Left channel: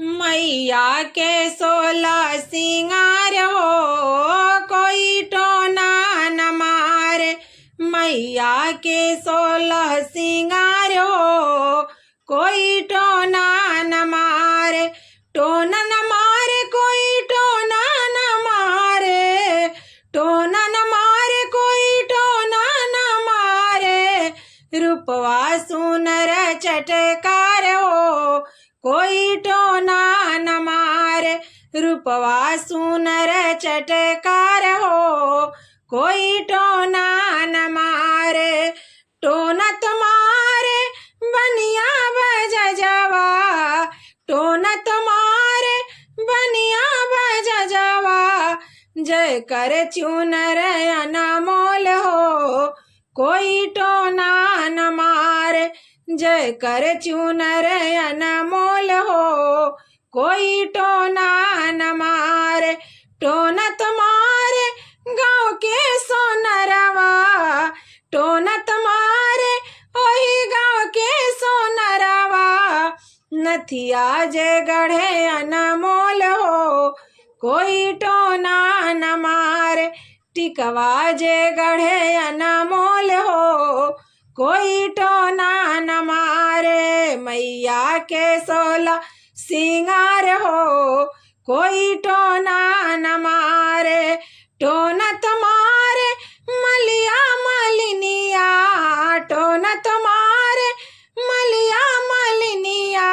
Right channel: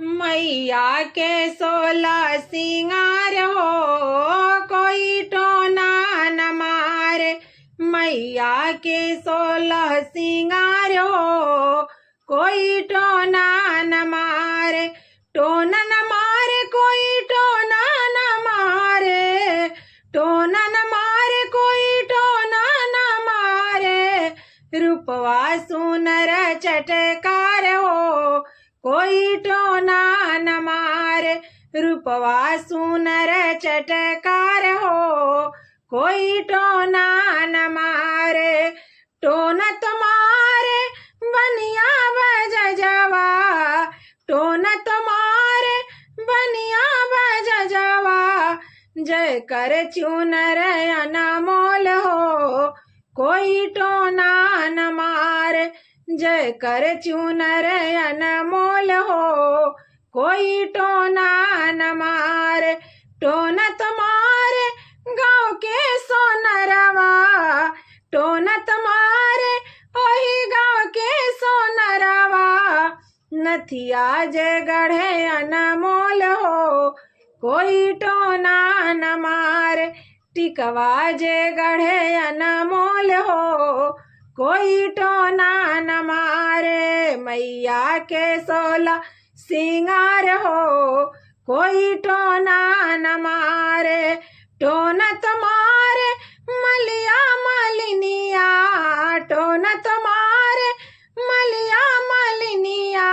मैया के 16 सिंगार हो, कोई टोना न मारे। मैया के 16 सिंगार हो, कोई टोना न मारे। टोना न मारे कोई टोना न मारे, टोना न मारे कोई टोना न मारे। रूपवा सुनर चटकार हो, कोई टोना न मारे। रूपवा सुनर चटकार हो, कोई टोना न मारे। टोना तुम्हारे बनिया बजजवा, टोना तुम्हारे बनिया बजजवा। जय कर चुनर अनमोल हो, कोई टोना न मारे। जय कर चुनर अनमोल हो, कोई टोना न मारे। टोना तुम्हारे गाँव के सोनरवा, टोना तुम्हारे वही गाँव के सोनरवा। नथिया जय गढ़े अनमोल हो, कोई टोना न मारे। टिकवा जय गढ़े अनमोल हो, कोई टोना न मारे। मैया के 16 सिंगार हो, कोई टोना न मारे। टोना तुम्हारे मलिया मालिनिया, टोना तुम्हारे मलिया मालिनिया।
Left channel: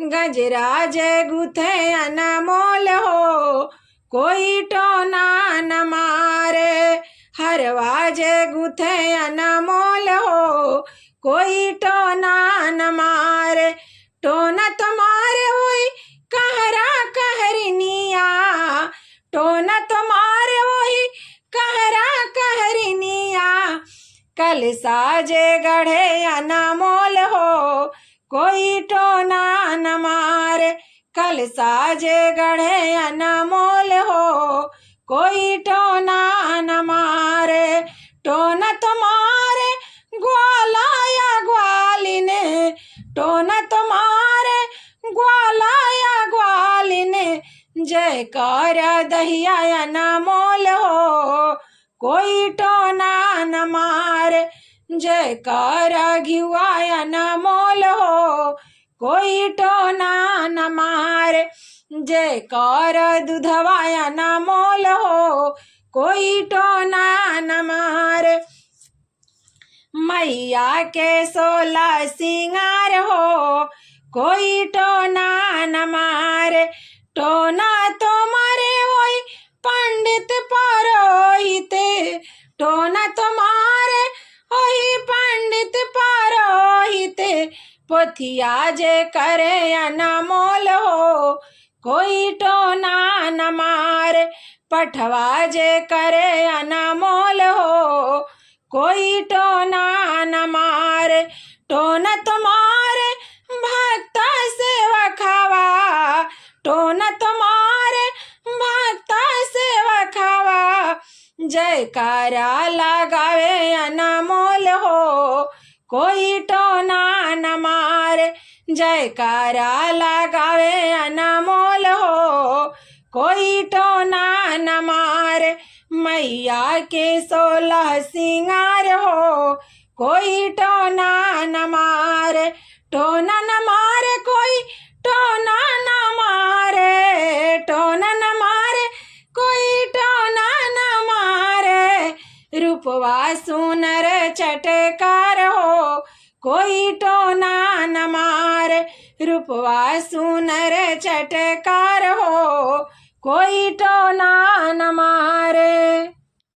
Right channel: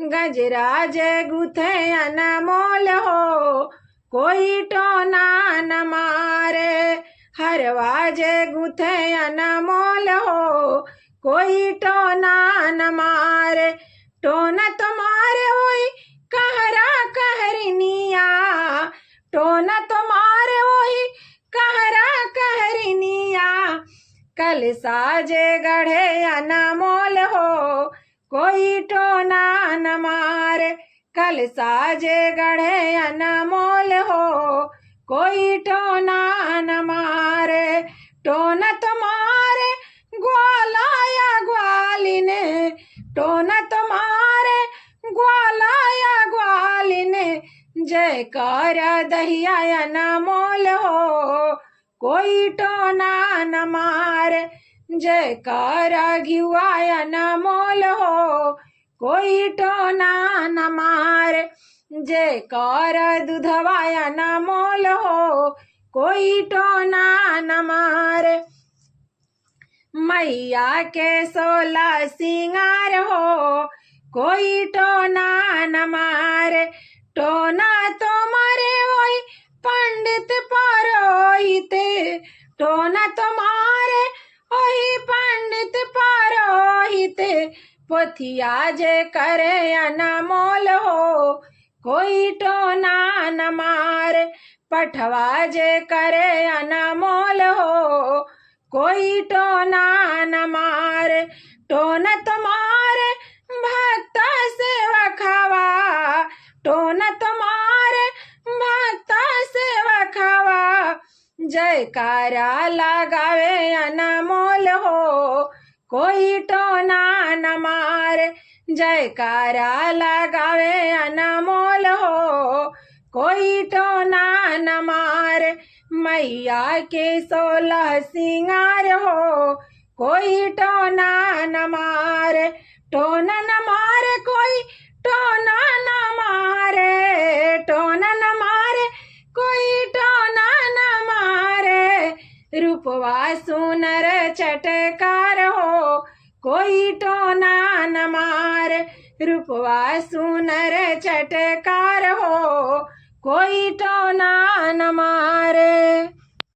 गजरा जय गुथे अनमोल हो, कोई टोना न मारे। हरवा जय गुथे अनमोल हो, कोई टोना न मारे। टोना तुम्हारे वही कहरा कहरनिया, टोना तुम्हारे वही कहरा कहरनिया। कलसा जय गढ़े अनमोल हो, कोई टोना न मारे। कलसा जय गढ़े अनमोल हो, कोई टोना न मारे। टोना तुम्हारे ग्वाला या ग्वालिन, टोना तुम्हारे ग्वाला या ग्वालिन। जयकार दहिया अनमोल हो, कोई टोना न मारे। जयकार घिवा अनमोल हो, कोई टोना न मारे। जयकार दूधवा अनमोल हो, कोई टोना न मारे। मैया के 16 सिंगार हो, कोई टोना न मारे। टोना तो मारे वही पंडित पुरोहित, टोना तो मारे वही पंडित पुरोहित। पोथिया जे करे अनमोल हो, कोई टोना न मारे। पठवा जे करे अनमोल हो, कोई टोना न मारे। टोना तुम्हारे भक्त सेवकवा, टोना तुम्हारे भक्त सेवकवा। जयकारा लगावे अनमोल हो, कोई टोना न मारे। जयकारा लगावे अनमोल हो, कोई टोना न मारे। मैया के 16 सिंगार हो, कोई टोना न मारे। टोना न मारे कोई टोना न मारे, टोना न मारे कोई टोना न मारे। रूपवा सुनर चटकार हो, कोई टोना न मारे। रूपवा सुनर चटकार